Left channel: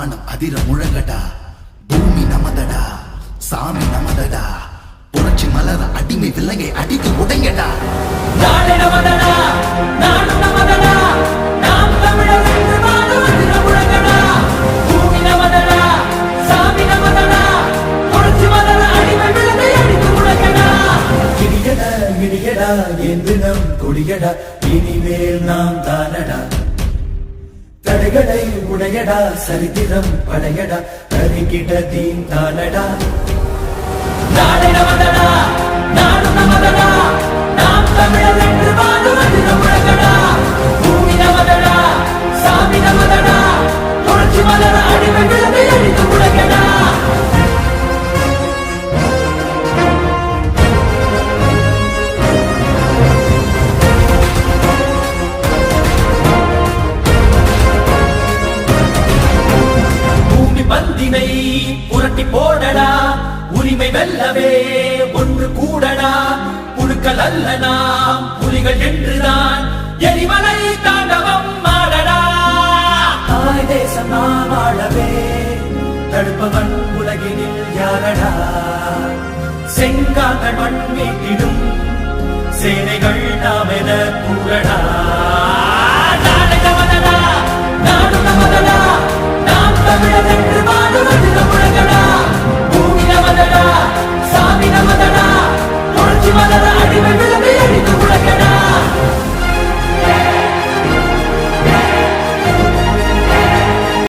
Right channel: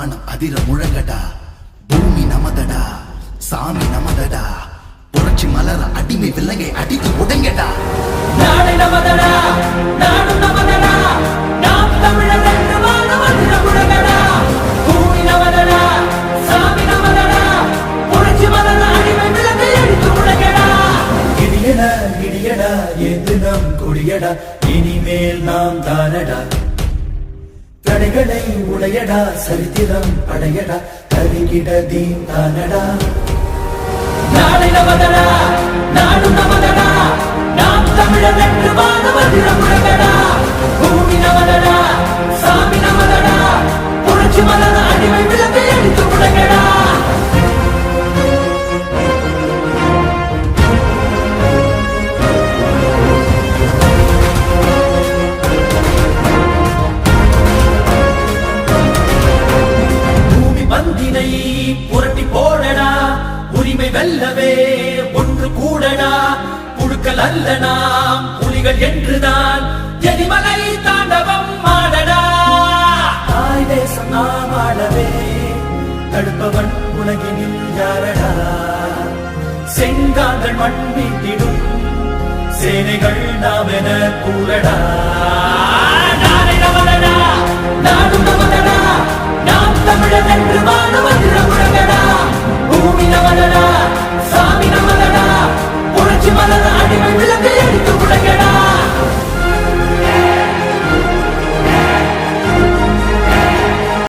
வானம் அதிர முழங்கடா, பூமி நமதடா, சாமி நமதடா, புரட்சி மலர அடிமை விலங்கை அடித்து உடைங்கடா. நாடு நமதடா, நாடு நமதடா, நாம் தமிழர் என்று வானம் அதிர முழங்கடா, பூமி நமதடா, சாமி நமதடா, புரட்சி மலர அடிமை விலங்கை அடித்து உடைங்கடா. இடியடா இடியடா என்று நம் கொடியடா, இனிமேல் நாம் தானடா. தடைகளை உடையடா, சரித்திரம் படையடா, கருகிட தீன் தானடா. நாடு நமதடா, நாடு நமதடா, நாம் தமிழர் என்று வானம் அதிர முழங்கடா, பூமி நமதடா, சாமி நமதடா, புரட்சி மலர அடிமை விலங்கை அடித்து உடைங்கடா. பந்தினை புரட்டி போடடா, உரிமை வெல்லவே ஒன்று கூடடா, புழுக்கள் அல்ல நாம் புலிகள் என்றுதான் எரிமலை தாண்டவம் ஆடடா. தாய் தேசம் நாம் ஆடவே தடுப்பவன் உலகினில் யாரடா. செங்கார்கள் மண் மீட்டிடும் சேனைகள்